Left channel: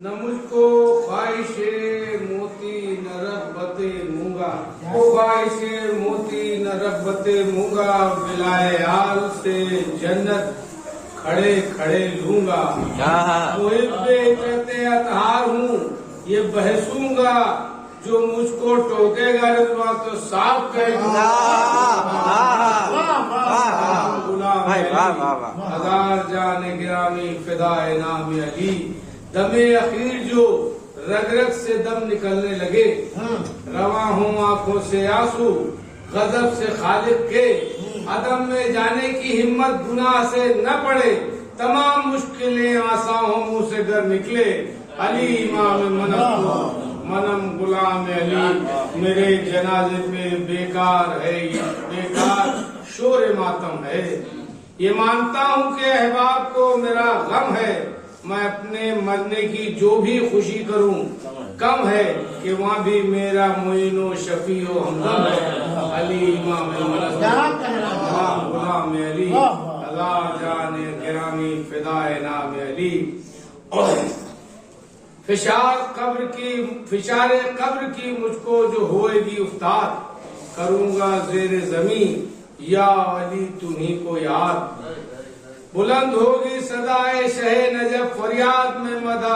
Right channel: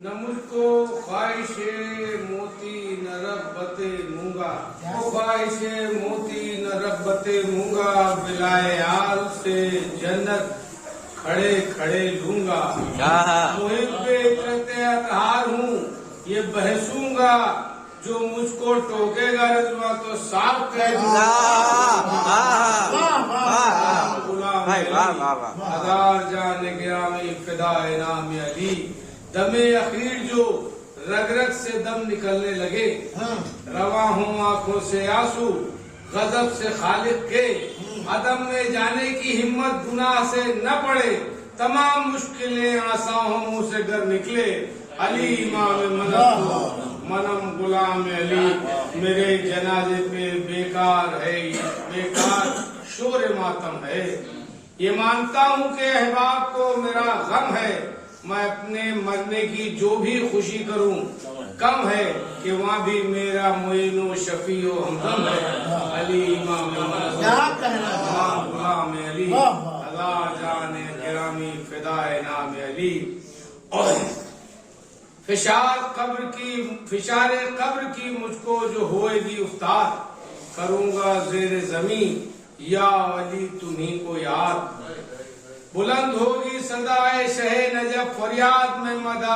न मुझको ख्वाहिशे मोती न रब्बते मूंगा, वो ख्वाहिशे मोती न रब्बते मूंगा, बिलाए आल से जन्नत खड़े खड़े लूंगा। मुहिब्बे कहते अतहार हूँ ये बहसूंगा, जो मुझको टोकेगा रिजवा तो साफ कह दूंगा। हजार जाने गिरामी फिदाए नाम अली, दमे अखीर जो रग रग से दम निकलने लगे, रवा हूँ आंखों से आंसू गजब से खालिक के, अदम में जाने की हिम्मत गुनाह से न पड़े, तमाम मुश्किलें आसाओं मुंह से गर निकले। अली इमाम मनम गुलाम अली, मेरे जनाजे पे बेकार है ये बेकार शोर मातम है। ये मानता हूँ कि अहबाब को मेरा गम है, मैं अपने मरने की जो भी खुशी करूं कम है, कि वहाँ भी मेरा मुइनो शफीओ हमदम है। अली इमाम गुलाम अली, अल्लाह जाने गिरामी फिदाए नाम अली। और फिशारे कब्र की मुझको जो होएगी उफ्तार, करूंगा जेर जमीन या अली तुम्ही को याद। बुलंद होगी सदाए शहे नजफ फरियाद, मैं मदा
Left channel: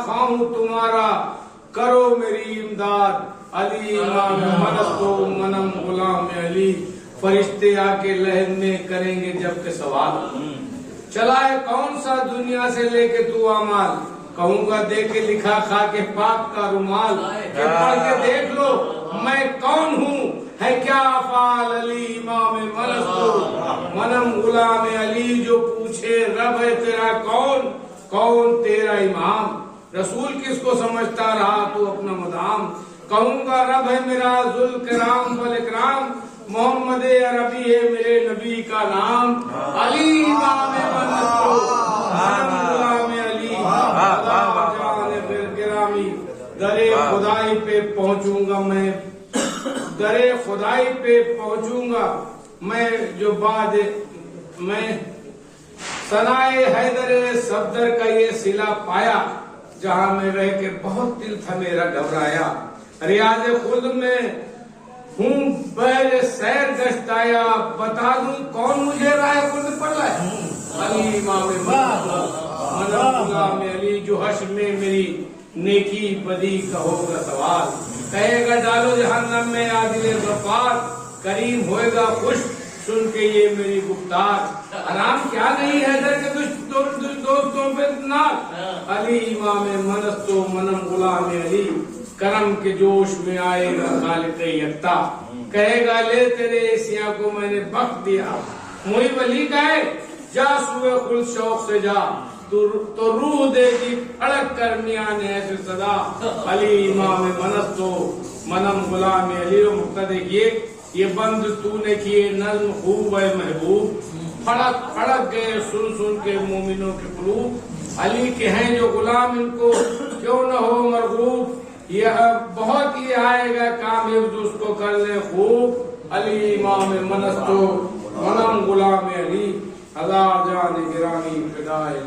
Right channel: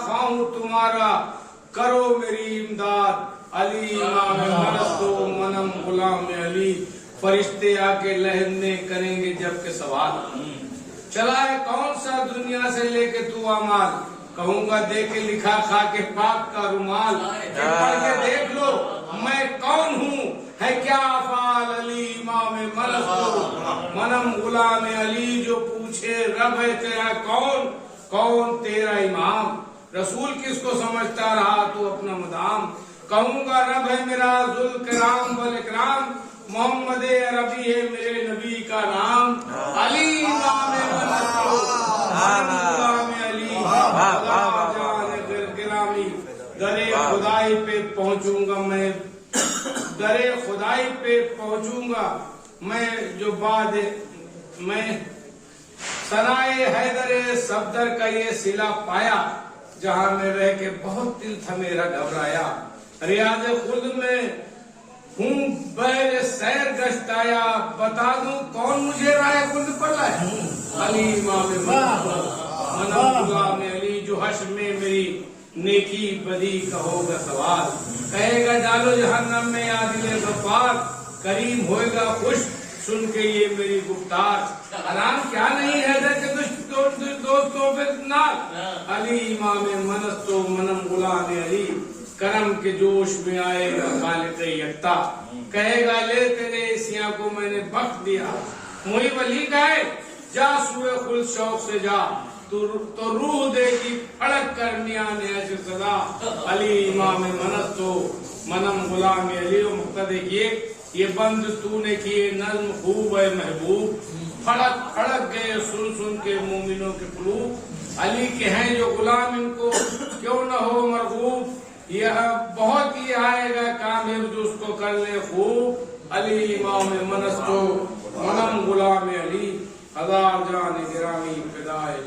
ख्वाहूं तुम्हारा करो मेरी इमदाद। अली इमाम मनस्तो मनम गुलाम अली, फरिश्ते आके लहर में करेंगे जब के सवाल, चलाए कौन सा दुनिया से लेके तू अमाल, कहूंगा दे के लिखा खा के पाक का रुमाल, पढ़ के देख लो मैं कौन हूँ है क्या अफाल। अली इमाम मनम गुलाम अली, जो पूछे रब है तेरा कौन, कौन तेरा इमाम, रसूल किसको समझता रहा तू अपना मदाम, कहूंगा रब है मेरा जुल कराम वल इकराम, मोहम्मद अरबी है मेरे नबी का नाम। अली इमाम गुलाम अली, गिरामी दरे खुदाई पे पहुंचूंगा मैं, दरे खुदाई पे पहुंचूंगा मैं, जो बाद मैं सनाए हैदरे सफदर का ये सिला पाया, जहां में रह के बहुत दिल था मेरा घबराया। रियाज खुद में हूँ बैर सैर गश्ताया, बता दूं कौन मुझे राय खुद पर लाए। अली इमाम मनम गुलाम अली, जो हश्र में मेरी नेकी बदी का होगा सवाल, कहेगा डालो जहन्नम में आदिल गफ्फार, करीम होएगा खुश सुन के ये मेरी गुफ्तार। आराम क्या नहीं है के दोस्तों पे नाल। अली इमाम मनस्तो मनम गुलाम अली, करम के जोश में आएगा खालिक यक्ता, कहेगा ले तेरे एसिया को मैंने बख्श दिया। मुहिब अली गए जा सुए खुल शौक से जा, तो रूह देगी फड़क कर मियां ने सदा। अली इमाम मनस्तो मनम गुलाम अली, मुक्तदे ये बंद तूने किए नज्म खूब है महबूब, फड़क फड़क गए सुन सुन के मोमिनों के कुलूब। अली के हैं जो गुलाम इनको क्यों न हो मरगूब, यह बहुत ही आएगा कामयाब जो उसको कर ले खूब। अली इमाम मनस्तो मनम गुलाम अली, हजार जान गिरामी फिदाए।